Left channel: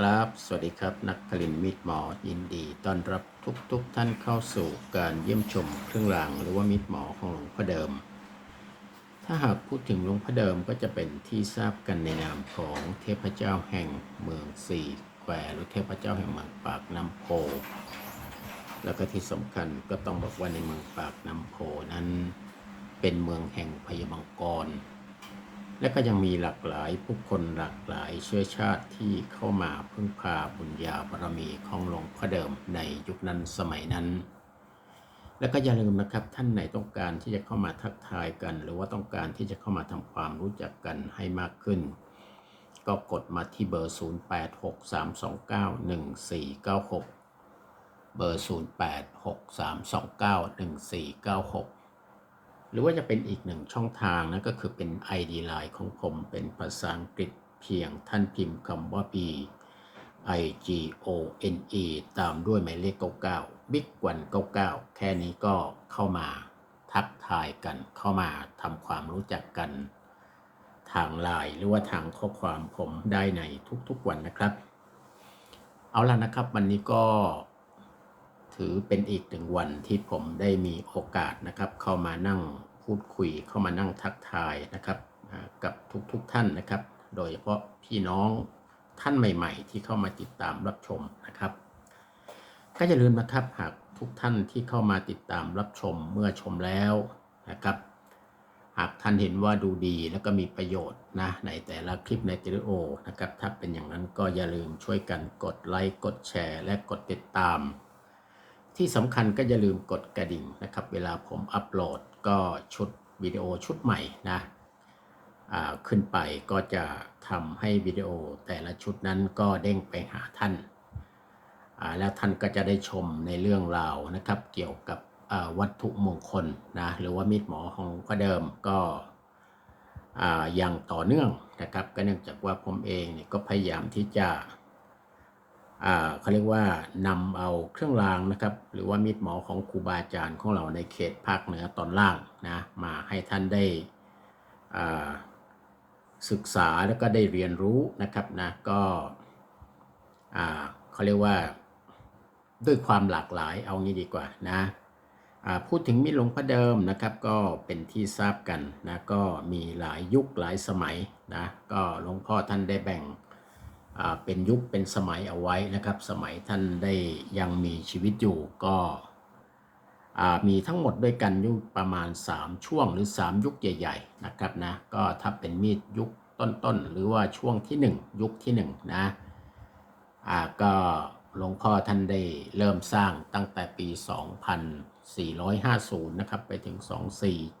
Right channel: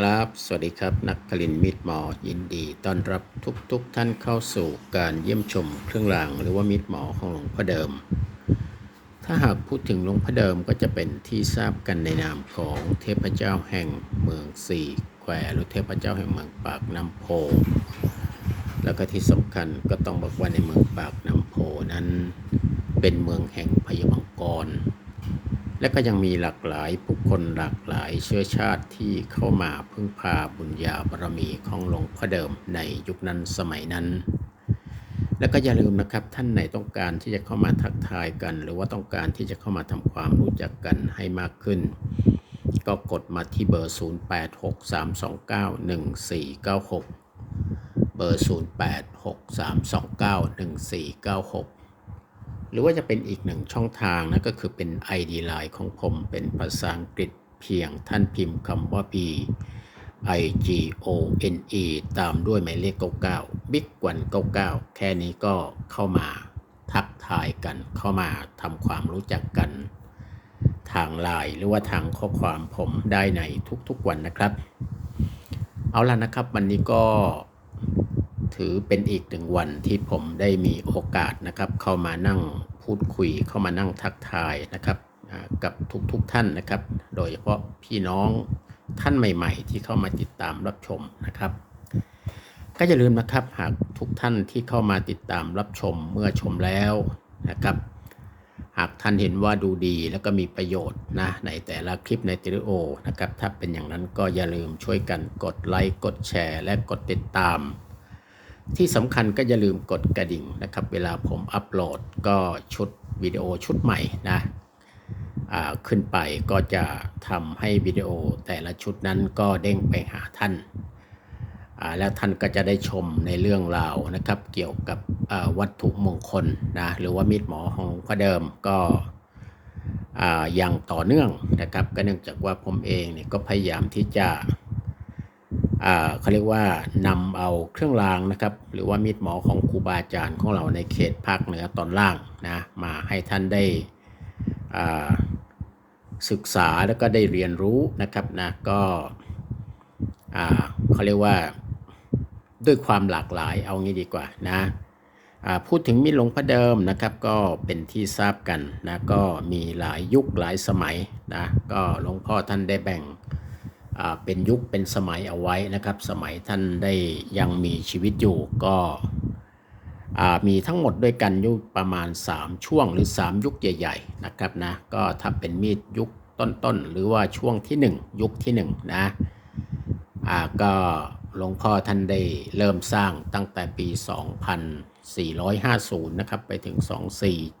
ครับ สวัสดีครับ นักผลินมิตรหมอ ยินดีต้อนรับทุกๆทท่านเข้าสู่การเยี่ยมชมเครื่องรางหรือว่ามิตรหมอของหลวงพ่อเดิม ถ้าหากพูดถึงหลวงพ่อเดิมก็จะเป็นที่ทราบกันในนามของเทพเจ้าแห่งเมืองสี่แควหรือเทพเจ้าแห่งเมืองปากน้ำโพ แล้วก็ที่สำคัญก็ต้องบอกว่าในเมืองปากน้ำโพนั้น เป็นเมืองแห่งพยามังกร และก็ยังมีหลากหลายผู้คนหลากหลายเชื้อชาติที่เข้ามาพึ่งพาบุญญาบารมีของหลวงพ่อเดิมในยุคนั้นสมัยนั้น และก็อย่าลืมนะครับท่านไหนต้องการที่จะเข้ามาทักทายกัน หรือว่าต้องการที่จะเข้ามาทำความรู้จักกันให้มากขึ้น ก็กดมาที่เบอร์ 0863291496 เบอร์ 0863291496 หรือว่าจะเป็นอีกหนึ่งช่องทางนะก็คือเป็น ID Line ของผมเป็นภาษาอังกฤษเพียงท่านพิมพ์คำว่า B I G O N E ตามด้วยหมายเลข 99 Big กวัน99 แค่นี้ก็เข้ามาทักทายกันเข้ามาทำความรู้จักกัน ทางไลน์หรือว่าทางข้อความผมได้ในทุกๆวันนะครับ เอาล่ะนะครับ วันนี้ก็ ถือเป็นอีกหนึ่งวันที่ผมได้มีโอกาสนะครับ เข้ามานั่งพูดคุยเข้ามานั่งทักทายนะครับกับทุกๆทท่านนะครับ โดยเฉพาะพี่น้องท่านใหม่ ๆ ที่เข้ามาติดตามรับชมนะครับ ก็อย่าลืมนะครับหากทุกท่านที่เข้ามาติดตามรับชมเมื่อชมแล้วนะครับ หากท่านเห็นว่าดูดีแล้วก็มีประโยชน์นะในแต่ละคลิปในวิดีโอนะครับ ถ้าเป็นอย่างนั้นก็อย่าลืมช่วยกันกดไลค์กดแชร์ และกดติดตาม ที่สำคัญก็อย่าลืมกดกระดิ่งนะครับ เวลาผมอัปโหลดก็ชุดวิดีโอชุดใหม่นะอ่าขึ้นไปก็จะทำให้วิดีโอแต่ละชุดนั้นก็เด้งไปหาท่านอ่าแล้วท่านก็จะได้ชมในเรื่องราวนะครับ เกี่ยวกับอ่าวัตถุมงคลนะหรือว่ามีดหมอของพระเดิมก็อ่าอย่างต่อเนื่องนะครับ ก็เนื่องจากว่าผมเองเนี่ยก็พยายามที่จะ เขาเรียกว่านำเอาเครื่องรางนะครับ หรือว่ามีดหมอของครูบาอาจารย์ของเราในเขตภาคเหนือตอนล่างนะมาให้ท่านได้ศึกษาแล้วก็ได้เรียนรู้นะครับนะก็เขาเรียกว่าด้วยความหลากหลายเอางี้ดีกว่านะพูดถึงมีดหลวงพระเดิมนะครับก็เป็นที่ทราบกันนะก็มีหลายยุคหลายสมัยนะก็หลวงพ่อท่านได้แบ่ง เป็นยุคเป็นสมัยเอาไว้นะครับ สมัยท่านได้ยังมีชีวิตอยู่ก็มีทั้งหมดด้วยกันยุคประมาณ 3 ช่วงหรือ 3 ยุคใหญ่ ๆ นะครับนะก็ถ้าเป็นมีดยุคต้นๆ หรือว่าช่วงที่ 1 ยุคที่ 1 นะอ่าก็หลวงพ่อท่านได้เริ่มสร้างตั้งแต่ปี 2450 นะครับ ไปถึง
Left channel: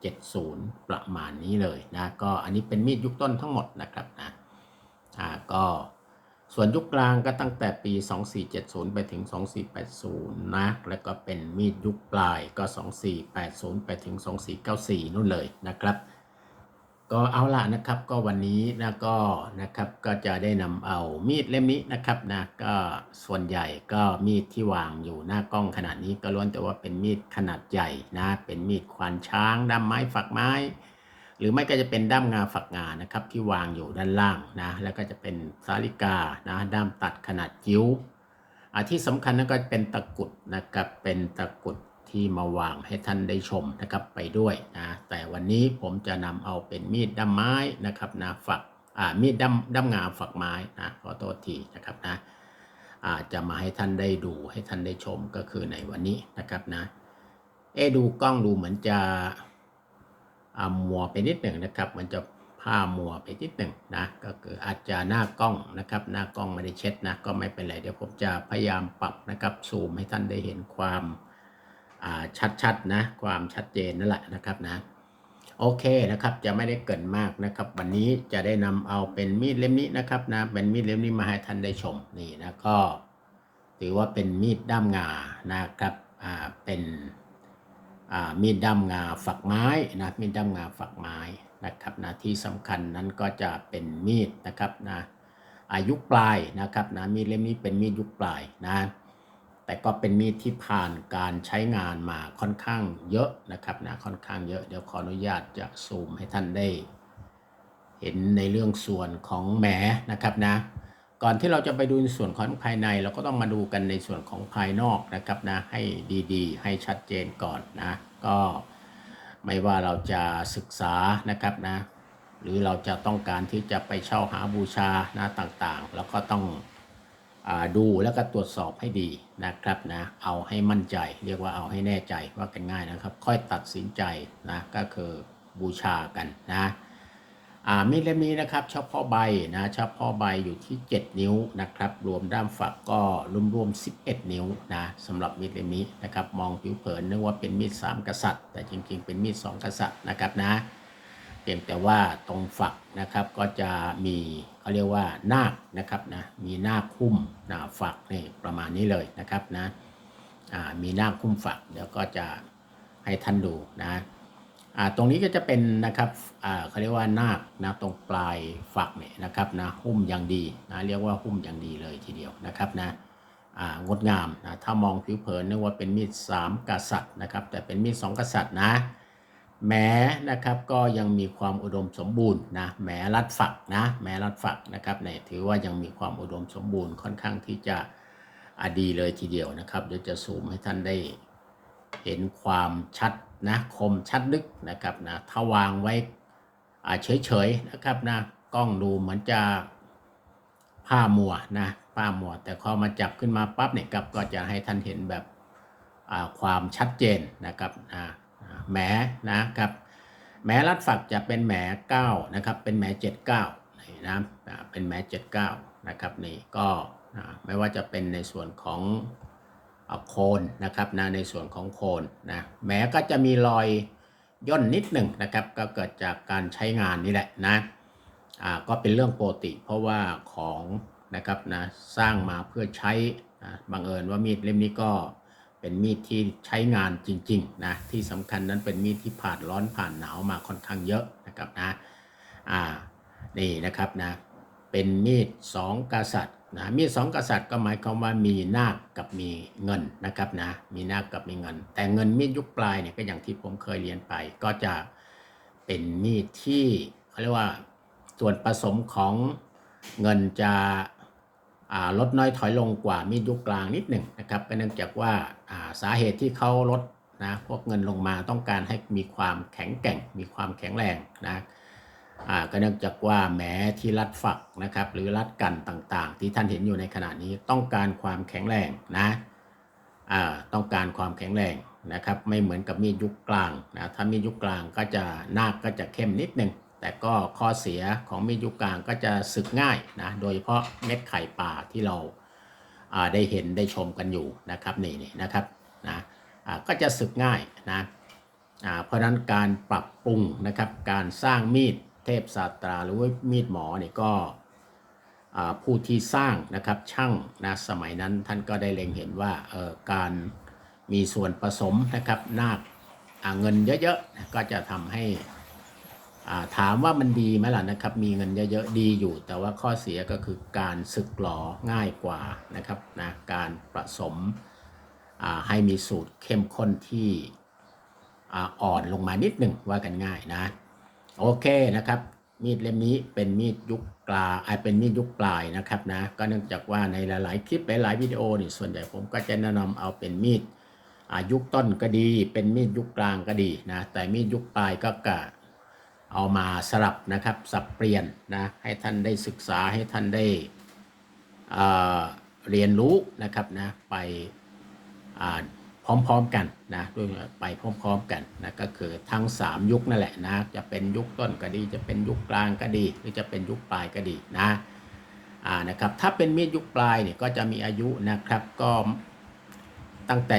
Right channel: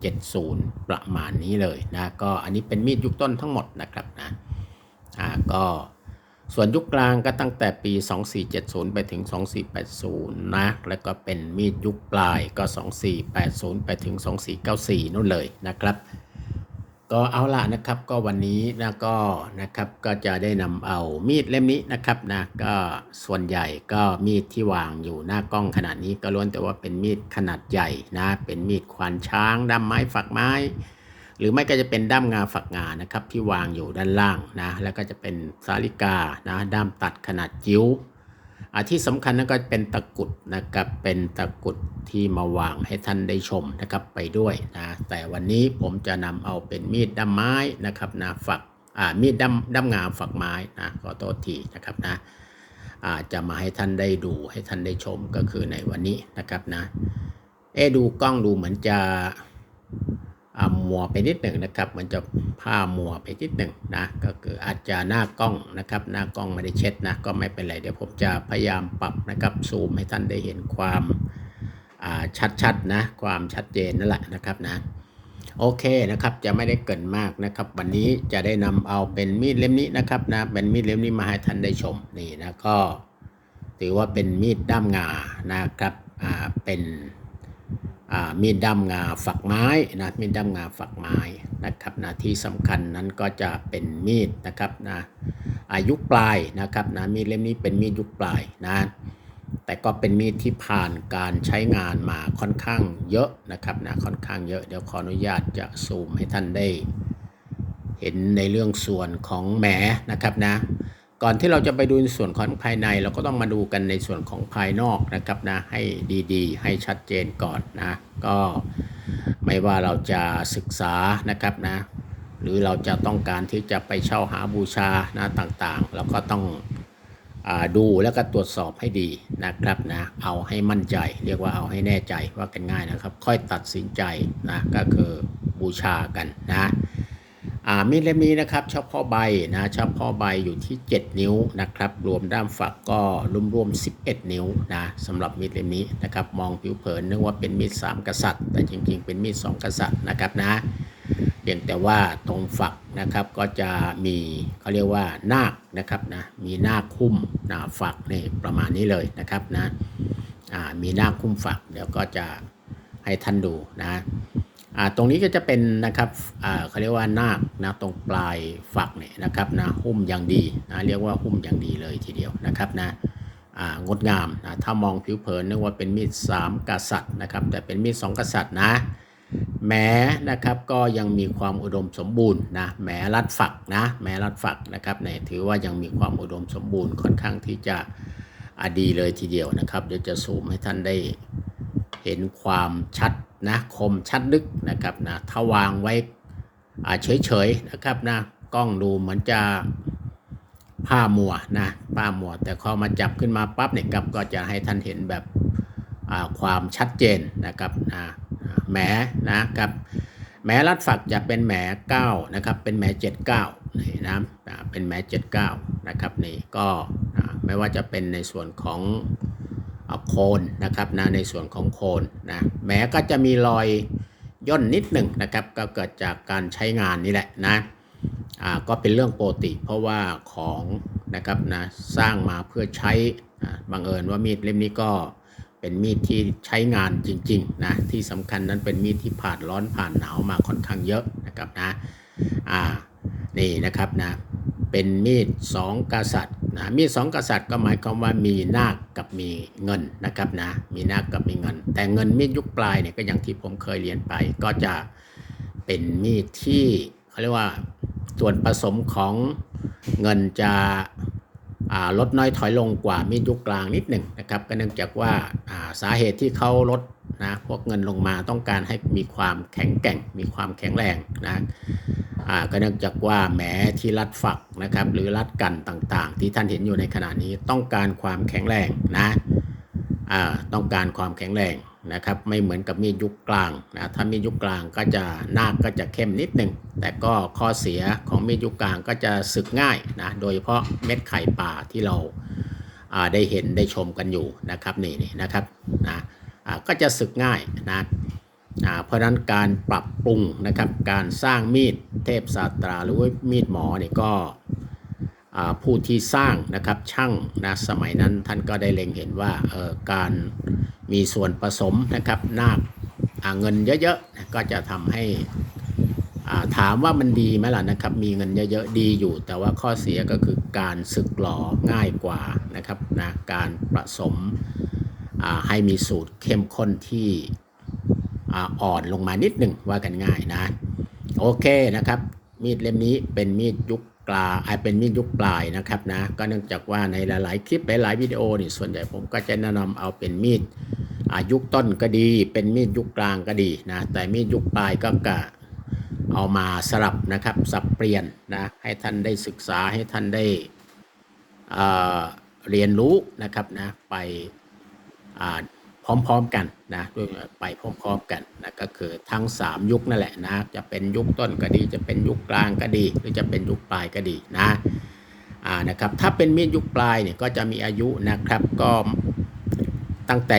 2470 ประมาณนี้เลยนะ ก็อันนี้เป็นมีดยุคต้นทั้งหมดนะครับนะอ่าก็ ส่วนยุคกลางก็ตั้งแต่ปี 2470 ไปถึง 2480 นะ แล้วก็เป็นมีดยุคปลายก็ 2480 ไปถึง 2494 นู่นเลยนะครับ ก็เอาละนะครับ ก็วันนี้นะก็นะครับ ก็จะได้นำเอามีดเล่มนี้นะครับนะ ก็ส่วนใหญ่ก็มีดที่วางอยู่หน้ากล้องขนาดนี้ก็ล้วนแต่ว่าเป็นมีดขนาดใหญ่นะ เป็นมีดควานช้างด้ามไม้ฝักไม้ หรือไม่ก็จะเป็นด้ามงาฝักงานะครับที่วางอยู่ด้านล่างนะแล้วก็จะเป็นสาลิกานะด้ามตัดขนาดจิ๋วอ่าที่สำคัญนั่นก็เป็นตะกุดนะครับเป็นตะกุดที่มาวางให้ท่านได้ชมนะครับไปด้วยนะแต่วันนี้ผมจะนำเอาเป็นมีดด้ามไม้นะครับนะฝักอ่ามีดด้ามด้ามงาฝักไม้นะขอโทษทีนะครับนะอาจะมาให้ท่านได้ดูให้ท่านได้ชมก็คือในวันนี้นะครับนะเอดูกล้องดูเหมือนจะ มัวไปนิดหนึ่งนะครับ มันจะผ้ามัวไปนิดหนึ่งนะก็คืออาจจะหน้ากล้องนะครับ หน้ากล้องไม่ได้เช็ดนะก็ไม่เป็นไรเดี๋ยวผมจะพยายามปรับนะครับซูมให้ท่านได้เห็นความอ่าชัดๆนะความชัดเจนนั่นแหละนะครับนะโอเคนะครับจะไม่ได้เกินมากนะครับ วันนี้จะได้นำเอาเป็นมีดเล่มนี้นะครับนะเป็นมีดเล่มนี้มาให้ท่านได้ชมนี่นะก็ถือว่าเป็นมีดด้ามงานะครับอ่าเป็น มีดด้ามงาฝักไม้นะมีดด้ามงาฝักไม้นะครับนะที่สำคัญนั้นก็จะเป็นมีดนะครับนะอายุปลายนะครับนะมีดเล่มนี้เป็นมีดยุคปลายนะแต่ก็เป็นมีดที่ผ่านการใช้งานมาค่อนข้างเยอะนะครับนะค่อนข้างเยอะเดี๋ยวขออนุญาตจะซูมให้ท่านได้ เห็นในเรื่องส่วนของแหมนะครับนะ ก่อนที่เราจะไปดูในส่วนของภายใน เราก็ต้องมาดูกันในส่วนของภายนอกนะครับนะให้ดีๆ ให้ชัดเจนก่อนนะก็ไม่ว่าเราจะศึกษานะครับนะหรือเราจะต้องการที่จะไปเช่าหาบูชานะต่างๆ เราก็ต้องอดูแล้วก็ตรวจสอบให้ดีนะครับนะเอาให้มั่นใจ เรียกว่าเอาให้แน่ใจว่ากันง่ายนะครับ ค่อยตัดสินใจนะก็คือบูชากันนะ มีดเล่มนี้นะครับเฉพาะใบนะเฉพาะใบอยู่ที่ 7 นิ้วนะครับ รวมด้ามฝักก็รวมรวม 11 นิ้วนะสำหรับมีดเล่มนี้นะครับ มองผิวเผินนึกว่าเป็นมีดสามกษัตริย์ แต่จริงๆ เป็นมีดสองกษัตริย์นะครับนะเพียงแต่ว่าตรงฝักนะครับก็จะมีเขาเรียกว่านาคนะครับนะมีนาคคุ้มนะฝักนี่ประมาณนี้เลยนะครับนะมีนาคคุ้มฝักเดี๋ยวก็จะให้ท่านดูนะ ตรงนี้ก็จะเป็นนะครับเขาเรียกว่านาคนะตรงปลายฝักเนี่ยนะครับนะหุ้มอย่างดีนะเรียกว่าหุ้มอย่างดีเลยทีเดียวนะครับนะงดงามนะถ้ามองผิวเผินนึกว่าเป็นมีดสามกษัตริย์นะครับแต่เป็นมีดสองกษัตริย์นะแม้นะครับก็ยังมีความอุดมสมบูรณ์นะแม้รัดฝักนะแม้รัดฝักนะครับเนี่ยถือว่ายังมีความอุดมสมบูรณ์ค่อนข้างที่จะอะดีเลยทีเดียวนะครับเดี๋ยวจะซูมให้ท่านได้เห็นความชัด นะคมชัดลึกนะครับนะถ้าวางไว้เฉยๆนะครับนะกล้องดูเหมือนจะผ้ามัวนะผ้ามัว แต่พอมาจับขึ้นมาปั๊บเนี่ยครับก็จะให้ท่านเห็นแบบความชัดเจนนะครับอ่าแหมนะครับแหมรัดฝักจะเป็นแหม9นะครับเป็นแหม79นี่นะเป็นแหม79นะครับนี่ก็ไม่ว่าจะเป็นในส่วนของ โคนนะครับนะในส่วนของโคนนะแม้ก็จะมีรอยย่นนิดหนึ่งนะครับก็เกิดจากการใช้งานนี่แหละนะอ่าก็เป็นเรื่องปกติ เพราะว่าของนะครับนะสร้างมาเพื่อใช้บังเอิญว่ามีดเล่มนี้ก็เป็นมีดที่ใช้งานจริงๆนะที่สำคัญนั้นเป็นมีดที่ผ่านร้อนผ่านหนาวมาค่อนข้างเยอะนะครับนะอ่า นี่นะครับนะเป็นมีดสองกษัตริย์นะมีดสองกษัตริย์ก็หมายความว่ามีนาคกับมีเงินนะครับนะมีนาคกับมีเงิน แต่เงินมีดยุคปลายเนี่ยก็อย่างที่ผมเคยเรียนไป ก็จะเป็นมีดที่เขาเรียกว่าส่วนผสมของเงินจะลดน้อยถอยลงกว่ามีดยุคกลางนิดหนึ่งนะครับก็เนื่องจากว่าสาเหตุที่เขาลดนะพวกเงินลงมาต้องการให้มีความแข็งแกร่ง มีความแข็งแรงนะ ก็เนื่องจากว่าแหมที่รัดฝักนะครับหรือรัดกันต่างๆ ที่ท่านเห็นอยู่ในขณะนี้ต้องการความแข็งแรงนะต้องการความแข็งแรงนะครับไม่เหมือนกับมีดยุคกลางนะถ้ามีดยุคกลางก็จะหน้าก็จะเข้มนิดหนึ่งแต่ก็ข้อเสียของมีดยุคกลางก็จะสึกง่ายนะโดยเฉพาะเม็ดไข่ป่าที่เราาได้เห็นได้ชมกันอยู่นะครับนี่นี่นะครับนะก็จะสึกง่ายนะ เพราะนั้นการปรับปรุงนะครับการสร้างมีดเทพศาสตราหรือว่ามีดหมอเนี่ยก็ผู้ที่สร้างนะครับช่างนะสมัยนั้นท่านก็ได้เล็งเห็นว่าการมีส่วนผสมนะครับนาคเงินเยอะๆก็จะทำให้ถามว่ามันดีไหมล่ะนะครับ มีเงินเยอะๆดีอยู่ แต่ว่าข้อเสียก็คือการสึกหลอง่ายกว่านะครับนะการผสมให้มีสูตรเข้มข้นที่ อ่อนลงมานิดหนึ่งว่ากันง่ายนะ โอเคนะครับ มีดเล่มนี้เป็นมีดยุคกลาเป็นมีดยุคปลายนะครับนะก็เนื่องจากว่าในหลาย ๆ คลิปหลาย ๆ วิดีโอนี่ส่วนใหญ่ผมก็จะแนะนำเอาเป็นมีดอายุคต้นก็ดี เป็นมีดยุคกลางก็ดีนะแต่มีดยุคปลายก็กะเอามาสลับนะครับสับเปลี่ยนนะให้ท่านได้ศึกษาให้ท่านได้เรียนรู้นะครับนะไปอ่า พร้อมๆกันนะด้วยไปพร้อมๆกันนะก็คือทั้ง 3 ยุคนั่นแหละนะจะเป็นยุคต้นก็ดี จะเป็นยุคกลางก็ดี หรือจะเป็นยุคปลายก็ดีนะอ่านะครับถ้าเป็นมีดยุคปลายเนี่ยก็จะมีอายุนะครับก็ตั้งแต่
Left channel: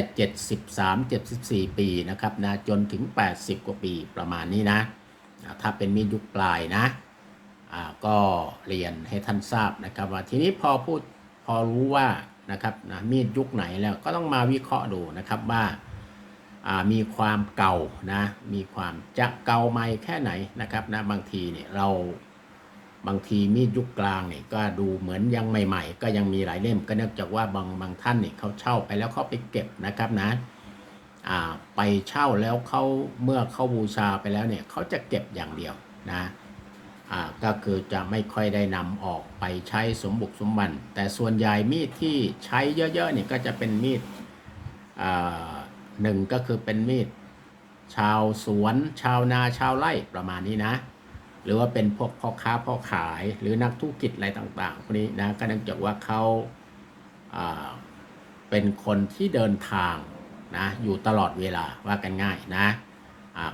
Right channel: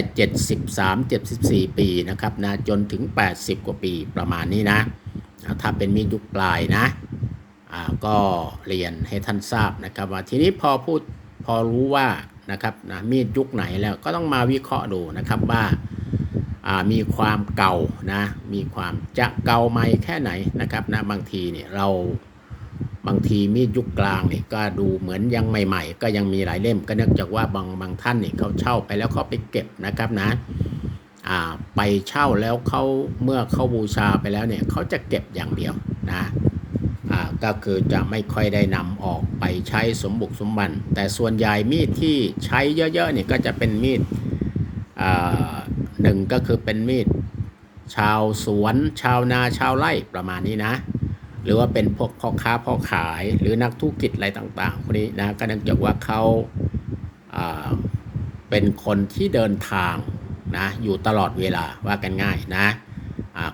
73 74 ปีนะครับนะจนถึง 80 กว่าปีประมาณนี้นะถ้าเป็นมีดยุคปลายนะอ่าก็เรียนให้ท่านทราบนะครับว่าทีนี้พอพูดพอรู้ว่า นะครับนะมีดยุคไหนแล้วก็ต้องมาวิเคราะห์ดูนะครับว่ามีความเก่านะมีความจะเก่าไหมแค่ไหนนะครับนะบางทีเนี่ยเราบางทีมีดยุคกลางเนี่ยก็ดูเหมือนยังใหม่ ๆ ก็ยังมีหลายเล่มก็เนื่องจากว่าบางบางท่านเนี่ยเขาเช่าไปแล้วเขาไปเก็บนะครับนะไปเช่าแล้วเขาเมื่อเขาบูชาไปแล้วเนี่ยเขาจะเก็บอย่างเดียวนะ ก็คือจะไม่ค่อยได้นำออกไปใช้สมบุกสมบันแต่ส่วนใหญ่มีดที่ใช้เยอะๆเนี่ยก็จะเป็นมีดอ่าหนึ่งก็คือเป็นมีดชาวสวนชาวนาชาวไร่ประมาณนี้นะ หรือว่าเป็นพวกพ่อค้าพ่อขายหรือนักธุรกิจอะไรต่างๆพวกนี้นะก็เนื่องจากว่าเขาอ่าเป็นคนที่เดินทางนะอยู่ตลอดเวลาว่ากันง่ายนะ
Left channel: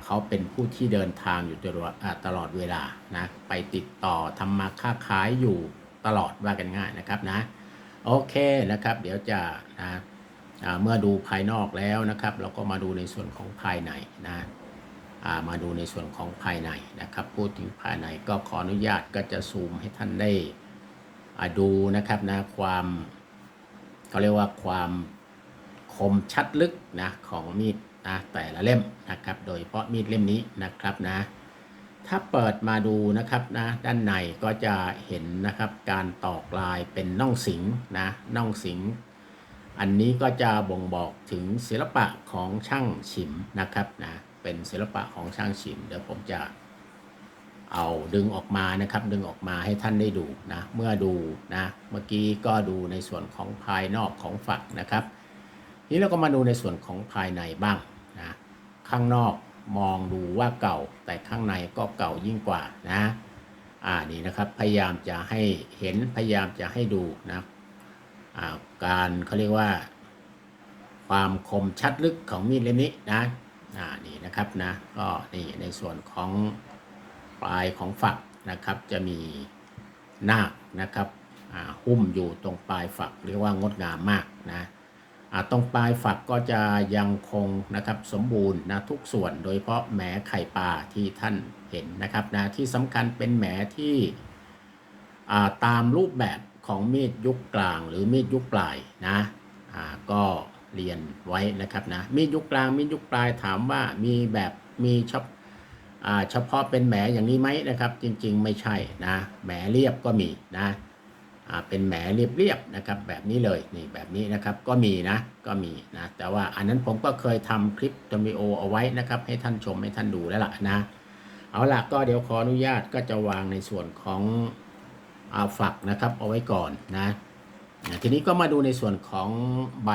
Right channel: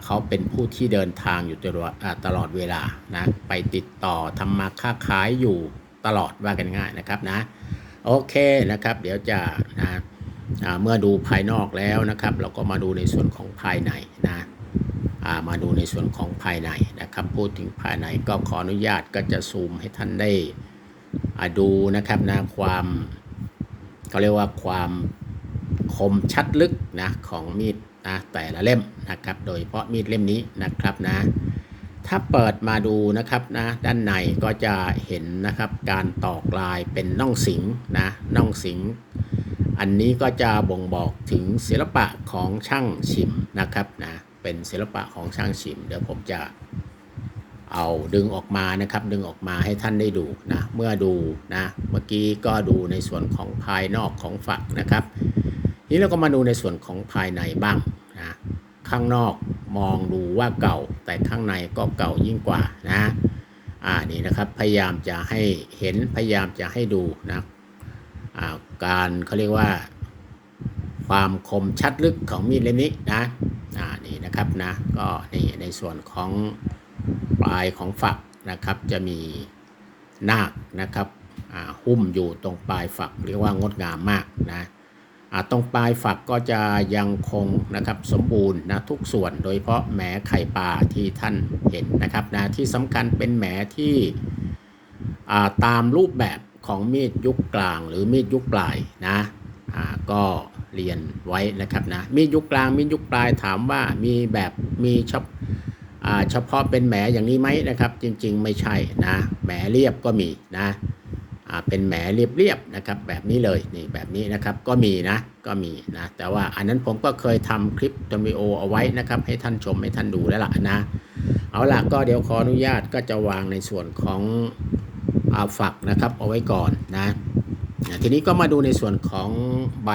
เขาเป็นผู้ที่เดินทางอยู่ตลอดตลอดเวลานะไปติดต่อทำมาค้าขายอยู่ตลอดว่ากันง่ายนะครับนะโอเคนะครับ เดี๋ยวจะนะเมื่อดูภายนอกแล้วนะครับ เราก็มาดูในส่วนของภายในนะมาดูในส่วนของภายในนะครับ พูดถึงภายในก็ขออนุญาตก็จะซูมให้ท่านได้ดูนะครับนะความเขาเรียกว่าความคมชัดลึกนะของมีด นะแต่ละเล่มนะครับ โดยเฉพาะมีดเล่มนี้นะครับนะ ถ้าเปิดมาดูนะครับนะด้านในก็จะเห็นนะครับการตอกลายเป็นน่องสิงนะน่องสิง อันนี้ก็จะบ่งบอกถึงศิลปะของช่างชิมนะครับนะเป็นศิลปะของช่างชิม เดี๋ยวผมจะเอาดึงออกมานะครับดึงออกมาให้ท่านได้ดูนะเมื่อดูนะเมื่อกี้ก็ดูในส่วนของภายนอกของฝักนะครับ นี้เราก็มาดูในส่วนของภายในบ้างนะข้างนอกมองดูว่าเก่า แต่ข้างในก็เก่ายิ่งกว่านะอ่านี่นะครับพยายามจะให้เห็นพยายามจะให้ดูนะอ่าการเขาเรียกว่า ความคมชัดลึกของมีดเล่มนี้นะอ่านี่นะครับนะก็นี่ในส่วนของปลายของฝักนะครับ จะมีหนานะครับหุ้มอยู่ตรงปลายฝักเรียกว่างดงามมากนะ ตรงปลายฝักก็จะยังคงนะครับสมบูรณ์นะทุกส่วนโดยเฉพาะแหมไข่ปลาที่ท่านเห็นนะครับนะที่สำคัญเป็นแหมที่ตามรูปแบบของมีดยุคกลาง หรือมีดยุคปลายนะก็เรียนไว้นะครับนะมีดยุคกลางมีดยุคปลายถามว่ามีแบบมีเฉพอ่าเฉพาะเป็นแหมอย่างนี้ไหมนะครับ จริงๆ ไม่ใช่นะแหมเรียบก็มีนะ เป็นแหมเรียบๆนะครับแบบนี้เลยนี่แบบนี้นะครับก็มีนะก็มีนะแต่ว่าอันนั้นผมก็เคยทำคลิปตัวิดีโอเอาไว้นะครับให้ท่านชมให้ท่านดูแล้วล่ะนะเอาล่ะก็เดี๋ยวขออนุญาตก็จะวางในส่วนของอาฝักนะครับเอาไว้ก่อนนะนะทีนี้ก็มาดูในส่วนของใบ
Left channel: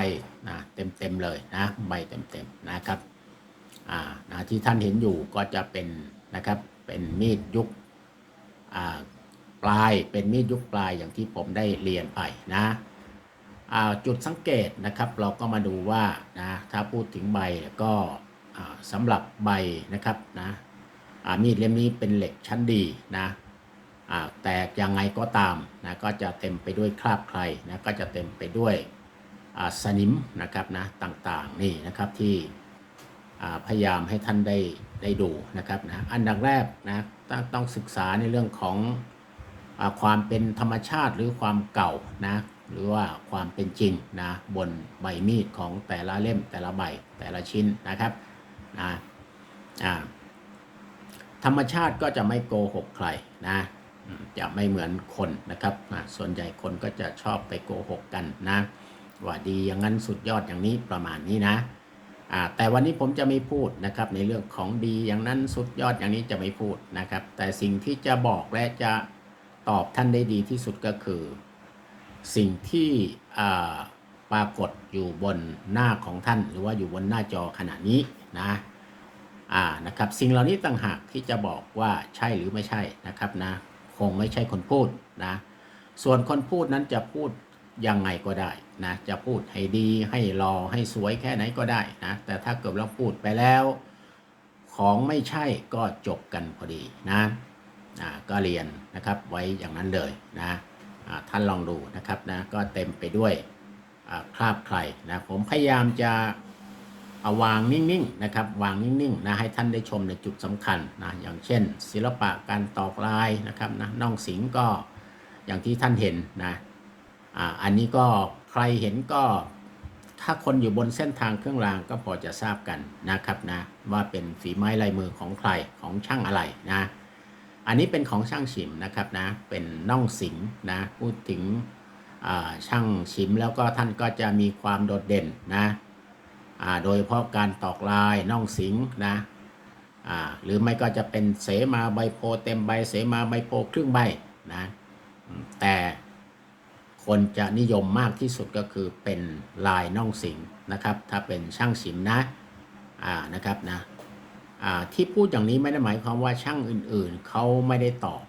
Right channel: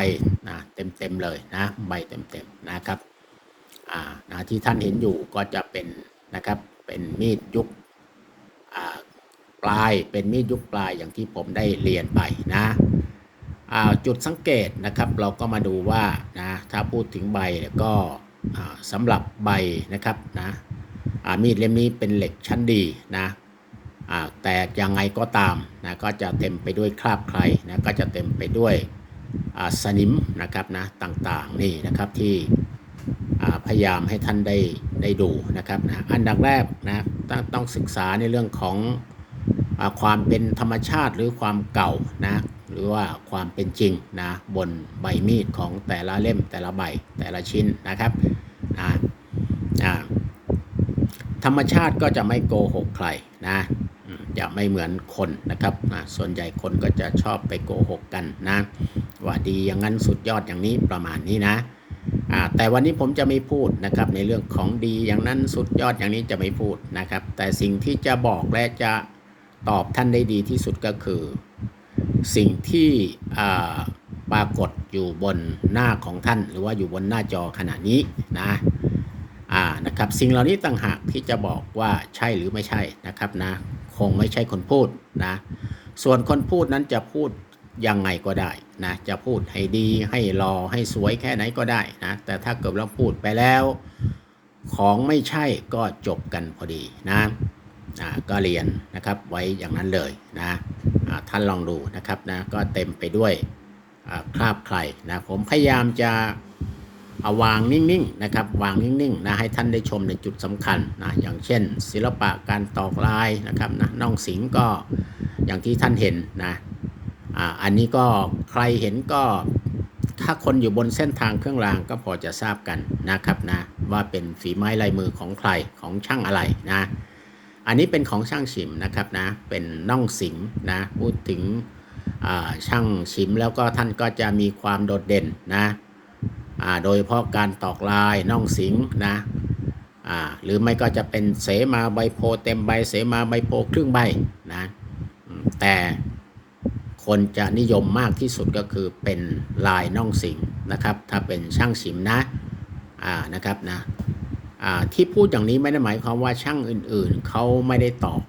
นะเต็มๆเลยนะใบเต็มๆนะครับอ่านะที่ท่านเห็นอยู่ก็จะเป็นนะครับเป็นมีดยุคอ่า ปลาย เป็นมีดยุคปลายอย่างที่ผมได้เรียนไปนะจุดสังเกตนะครับเราก็มาดูว่านะถ้าพูดถึงใบเนี่ยก็สำหรับใบนะครับนะมีดเล่มนี้เป็นเหล็กชั้นดีนะแต่ยังไงก็ตามนะก็จะเต็มไปด้วยคราบใครนะก็จะเต็มไปด้วยสนิมนะครับนะต่างๆนี่นะครับที่พยายามให้ท่านได้ได้ดูนะครับนะอันดับแรกนะต้องต้องศึกษาในเรื่องของ ความเป็นธรรมชาติหรือความเก่านะหรือว่าความเป็นจริงนะบนใบมีดของแต่ละเล่มแต่ละใบแต่ละชิ้นนะครับนะอ่าธรรมชาติก็จะไม่โกหกใครนะจะไม่เหมือนคนนะครับอ่าส่วนใหญ่คนก็จะชอบไปโกหกกันนะว่าดีอย่างนั้นสุดยอดอย่างนี้ประมาณนี้นะแต่วันนี้ผมจะไม่พูดนะครับในเรื่องของดีอย่างนั้นสุดยอดอย่างนี้จะไม่พูดนะครับ แต่สิ่งที่จะบอกและจะ ตอบท่านได้ดีที่สุดก็คือ สิ่งที่ปรากฏอยู่บนหน้าของท่าน หรือว่าอยู่บนหน้าจอขณะนี้นะอ่านะครับสิ่งเหล่านี้ต่างหากที่จะบอกว่าใช่หรือไม่ใช่นะครับนะคงไม่ใช่คนพูดนะส่วนคนพูดนั้นจะพูดยังไงก็ได้นะจะพูดให้ดีให้รอให้สวยแค่ไหนก็ได้นะแต่ถ้าเกิดเราพูดไปแล้ว ของไม่ใช่ก็จบกันพอดีนะ ก็เรียนนะครับไว้อย่างนั้นเลยนะท่านลองดูนะครับนะก็เต็มไปด้วยคราบใครนะผมพยายามจะเอาวางนิ่งๆนะครับวางนิ่งๆนะให้ท่านได้ชมในจุดสำคัญนะอย่างเช่น ศิลปะการตอกลายนะครับนะน่องสิงก็อย่างที่ท่านเห็นนะออันนี้ก็ใครเห็นก็ถ้าคนอยู่บนเส้นทางเครื่องรางก็พอจะทราบกันนะครับนะว่าเป็นฝีไม้ลายมือของใครของช่างอะไรนะ อันนี้เป็นของช่างฉิมนะครับนะ เป็นน่องสิงนะ พูดถึงช่างฉิมแล้วก็ท่านก็จะมีความโดดเด่นนะโดยเฉพาะการตอกลายน่องสิงนะหรือไม่ก็จะเป็นเสมาใบโพเต็มใบ เสมาใบโพครึ่งใบนะ แต่คนจะนิยมมากที่สุดก็คือเป็นลายน่องสิงนะครับ ถ้าเป็นช่างสิมนะ อ่านะครับนะ ที่พูดอย่างนี้ไม่ได้หมายความว่าช่างอื่นๆ เขาไม่ได้ตอบ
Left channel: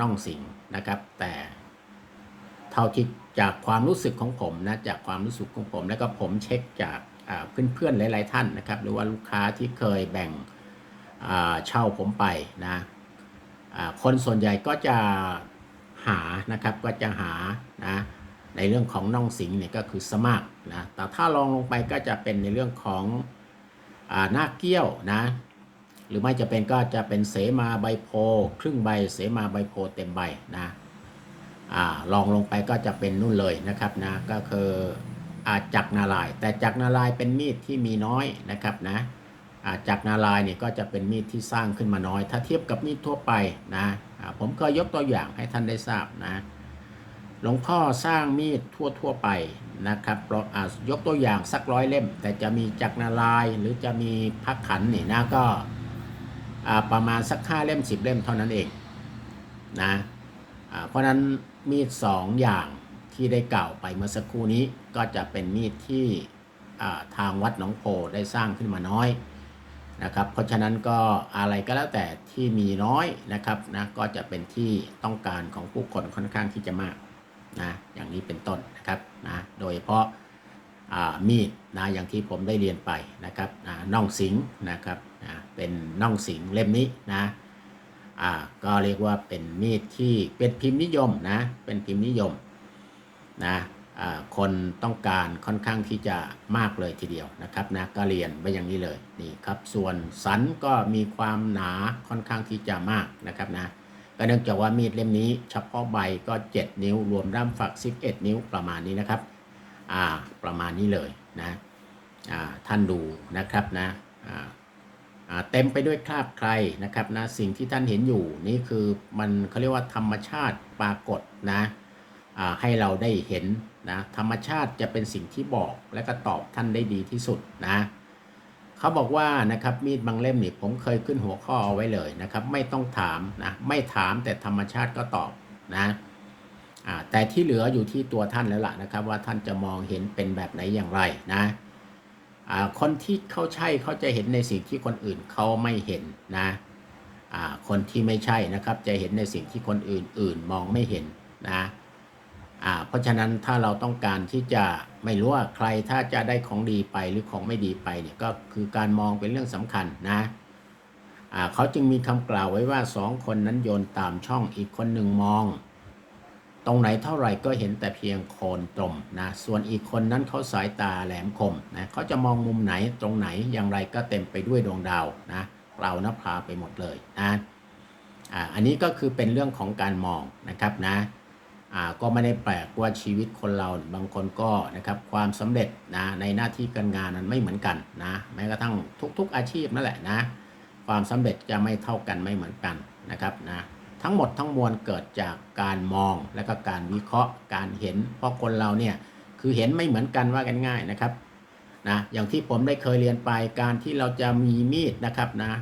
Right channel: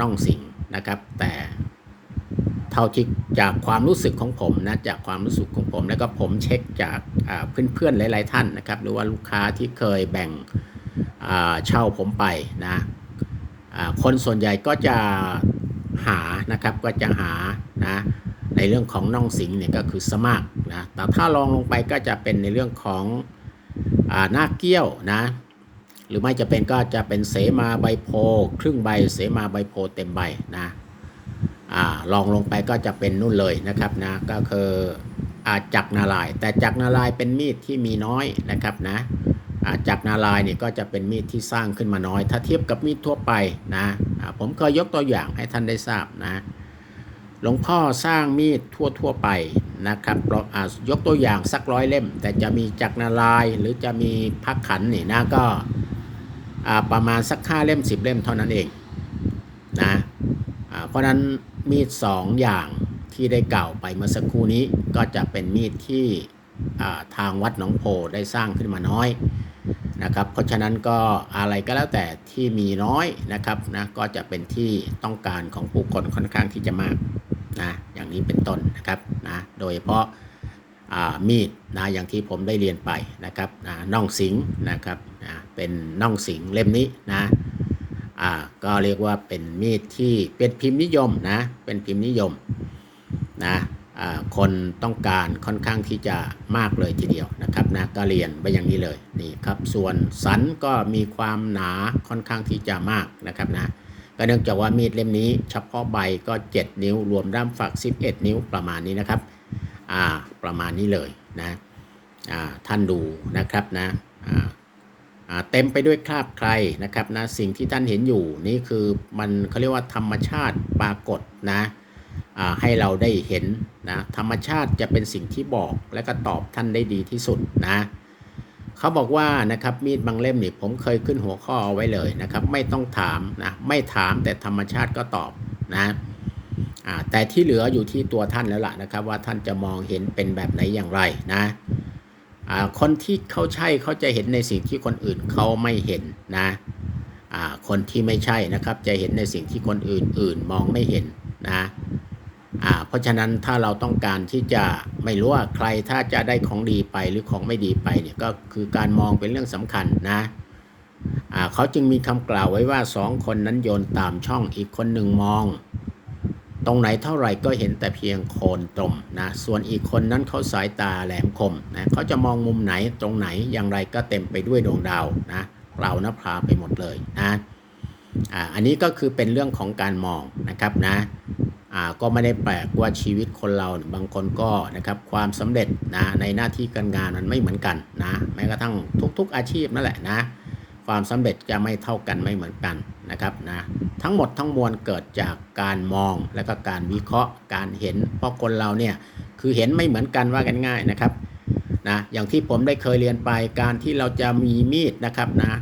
น่องสิงนะครับ แต่เท่าที่จากความรู้สึกของผมนะจากความรู้สึกของผม แล้วก็ผมเช็คจากเพื่อนๆหลาย ๆ ท่านนะครับ หรือว่าลูกค้าที่เคยแบ่งเช่าผมไปนะคนส่วนใหญ่ก็จะหานะครับก็จะหานะในเรื่องของน่องสิงเนี่ยก็คือสมากนะแต่ถ้าลองลงไปก็จะเป็นในเรื่องของอหน้าเกี้ยวนะ หรือไม่จะเป็นก็จะเป็นเสมาใบโพครึ่งใบเสมาใบโพเต็มใบนะอาลองลงไปก็จะเป็นนู่นเลยนะครับนะก็คืออาจักนาลาย แต่จักนาลายเป็นมีดที่มีน้อยนะครับนะอาจากนาลายเนี่ยก็จะเป็นมีดที่สร้างขึ้นมาน้อย ถ้าเทียบกับมีดทั่วไปนะผมเคยยกตัวอย่างให้ท่านได้ทราบนะหลวงพ่อสร้างมีดทั่วทั่วไปนะครับเราอายกตัวอย่างสักร้อยเล่ม แต่จะมีจักนาลายหรือจะมีพักขันนี่นะก็ ประมาณสักห้าเล่มสิบเล่มเท่านั้นเองนะเพราะนั้นมีดสองอย่างที่ได้กล่าวไปเมื่อสักครู่นี้ก็จะเป็นมีดที่ทางวัดหนองโพได้สร้างขึ้นมาน้อยนะครับ เพราะฉะนั้นก็อะไรก็แล้วแต่ที่มีน้อยนะครับนะก็จะเป็นที่ต้องการของผู้คนค่อนข้างที่จะมากนะอย่างนี้เป็นต้นนะครับนะโดยเฉพาะมีดนะอย่างที่ผมได้เรียนไปนะครับนะน่องสิงนะครับ เป็นน่องสิงเล่มนี้นะอ่าก็เรียกว่าเป็นมีดที่เป็นพิมพ์นิยมนะเป็นพิมพ์นิยมนะอ่าคนต้องการค่อนข้างที่จะมากเลยทีเดียวนะครับนะก็เรียนไปอย่างนี้เลยนี่ครับส่วนสันก็มีความหนาค่อนข้างที่จะมากนะครับนะก็เนื่องจากว่ามีดเล่มนี้ เฉพาะใบก็ 7 นิ้ว รวมด้ามฝัก 11 นิ้วประมาณนี้นะครับอ่าประมาณนี้เลยนะอ่าท่านดูนะครับนะอ่าอ่า เต็มไปด้วยคราบใครนะครับนะสิ่งที่ท่านเห็นอยู่นี่คือมันเขาเรียกว่าธรรมชาติปรากฏนะให้เราได้เห็นนะธรรมชาติจะเป็นสิ่งที่บอกและก็ตอบท่านได้ดีที่สุดนะเขาบอกว่านะครับมีดบางเล่มนี่ผมเคยขึ้นหัวข้อเอาไว้เลยนะครับ ไม่ต้องถามนะไม่ถามแต่ธรรมชาติก็ตอบนะแต่ที่เหลืออยู่ที่ตัวท่านแล้วล่ะนะครับ ว่าท่านจะมองเห็นเป็นแบบไหนอย่างไรนะ คนที่เขาใช่เขาจะเห็นในสิ่งที่คนอื่นเขาไม่เห็นนะคนที่ไม่ใช่นะครับ จะเห็นในสิ่งที่คนอื่นๆมองไม่เห็นนะเพราะฉะนั้นถ้าเราต้องการที่จะไม่รู้ว่าใครถ้าจะได้ของดีไปหรือของไม่ดีไปเนี่ยก็คือการมองเป็นเรื่องสำคัญนะเขาจึงมีคำกล่าวไว้ว่าสองคนนั้นโยนตามช่องอีกคนหนึ่งมอง ตรงไหนเท่าไหร่ก็เห็นแต่เพียงโคนตมนะ ส่วนอีกคนนั้นเขาสายตาแหลมคมนะเขาจะมองมุมไหนตรงไหนอย่างไรก็เต็มไปด้วยดวงดาวนะเรานะพราไปหมดเลยนะอ่าอันนี้ก็คือเป็นเรื่องของการมองนะครับนะอ่าก็ไม่ได้แปลกว่าชีวิตคนเราบางคนก็นะครับความสำเร็จนะในหน้าที่การงานมันไม่เหมือนกันนะแม้กระทั่งทุก ๆ อาชีพนั่นแหละนะความสำเร็จจะไม่เท่ากันไม่เหมือนกัน นะครับนะทั้งหมดทั้งมวลเกิดจากการมองและก็การวิเคราะห์การเห็น เพราะคนเราเนี่ยคือเห็นไม่เหมือนกันว่ากันง่ายนะครับนะอย่างที่ผมได้เคยเรียนไปการที่เราจะมีมีดนะครับนะ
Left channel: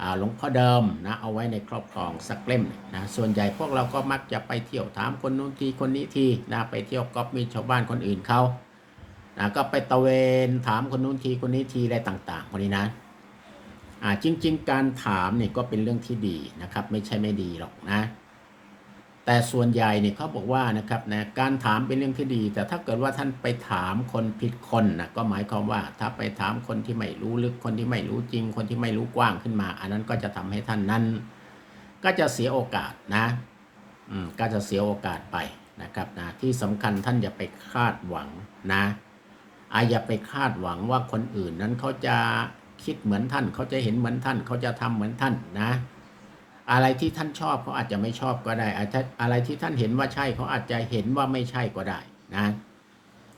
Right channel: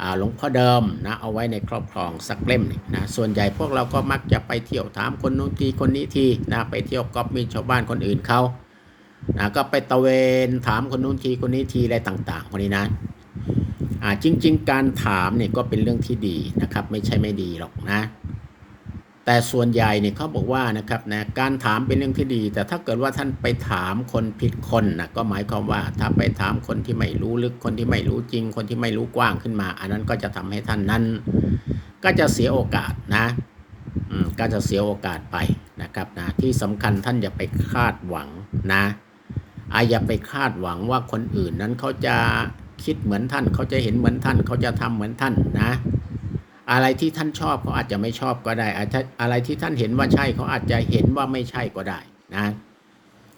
อ่าหลวงพ่อเดิมนะเอาไว้ในครอบครองสักเล่มนะส่วนใหญ่พวกเราก็มักจะไปเที่ยวถามคนนู้นทีคนนี้ทีนะไปเที่ยวก๊อปมีชาวบ้านคนอื่นเขานะก็ไปตะเวนถามคนนู้นทีคนนี้ทีอะไรต่างๆคนนี้นะ จริง ๆ การถามเนี่ยก็เป็นเรื่องที่ดีนะครับ ไม่ใช่ไม่ดีหรอกนะ แต่ส่วนใหญ่เนี่ยเขาบอกว่านะครับนะการถามเป็นเรื่องที่ดี แต่ถ้าเกิดว่าท่านไปถามคนผิดคนนะก็หมายความว่าถ้าไปถามคนที่ไม่รู้ลึกคนที่ไม่รู้จริง คนที่ไม่รู้กว้างขึ้นมา อันนั้นก็จะทำให้ท่านนั้น ก็จะเสียโอกาสนะก็จะเสียโอกาสไปนะครับนะที่สำคัญท่านอย่าไปคาดหวังนะอาอย่าไปคาดหวังว่าคนอื่นนั้นเขาจะ คิดเหมือนท่าน เขาจะเห็นเหมือนท่าน เขาจะทำเหมือนท่านนะ อะไรที่ท่านชอบเขาอาจจะไม่ชอบก็ได้อะไรที่ท่านเห็นว่าใช่เขาอาจจะเห็นว่าไม่ใช่ก็ได้นะ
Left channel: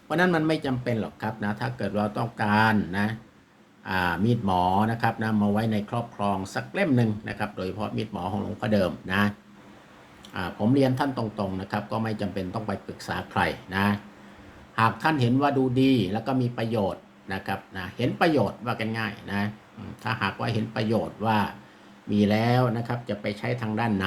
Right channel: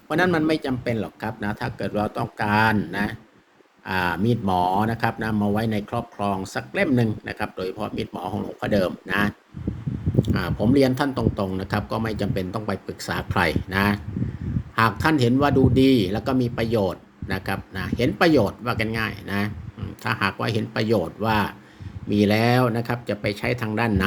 เพราะนั้นมันไม่จำเป็นหรอกครับนะ ถ้าเกิดเราต้องการนะมีดหมอนะครับนะมาไว้ในครอบครองสักเล่มหนึ่งนะครับ โดยเฉพาะมีดหมอของหลวงพ่อเดิมนะผมเรียนท่านตรงๆนะครับ ก็ไม่จำเป็นต้องไปปรึกษาใครนะ หากท่านเห็นว่าดูดีแล้วก็มีประโยชน์ นะครับนะเห็นประโยชน์ว่ากันง่ายนะถ้าหากว่าเห็นประโยชน์ว่ามีแล้วนะครับจะไปใช้ทางด้านไหน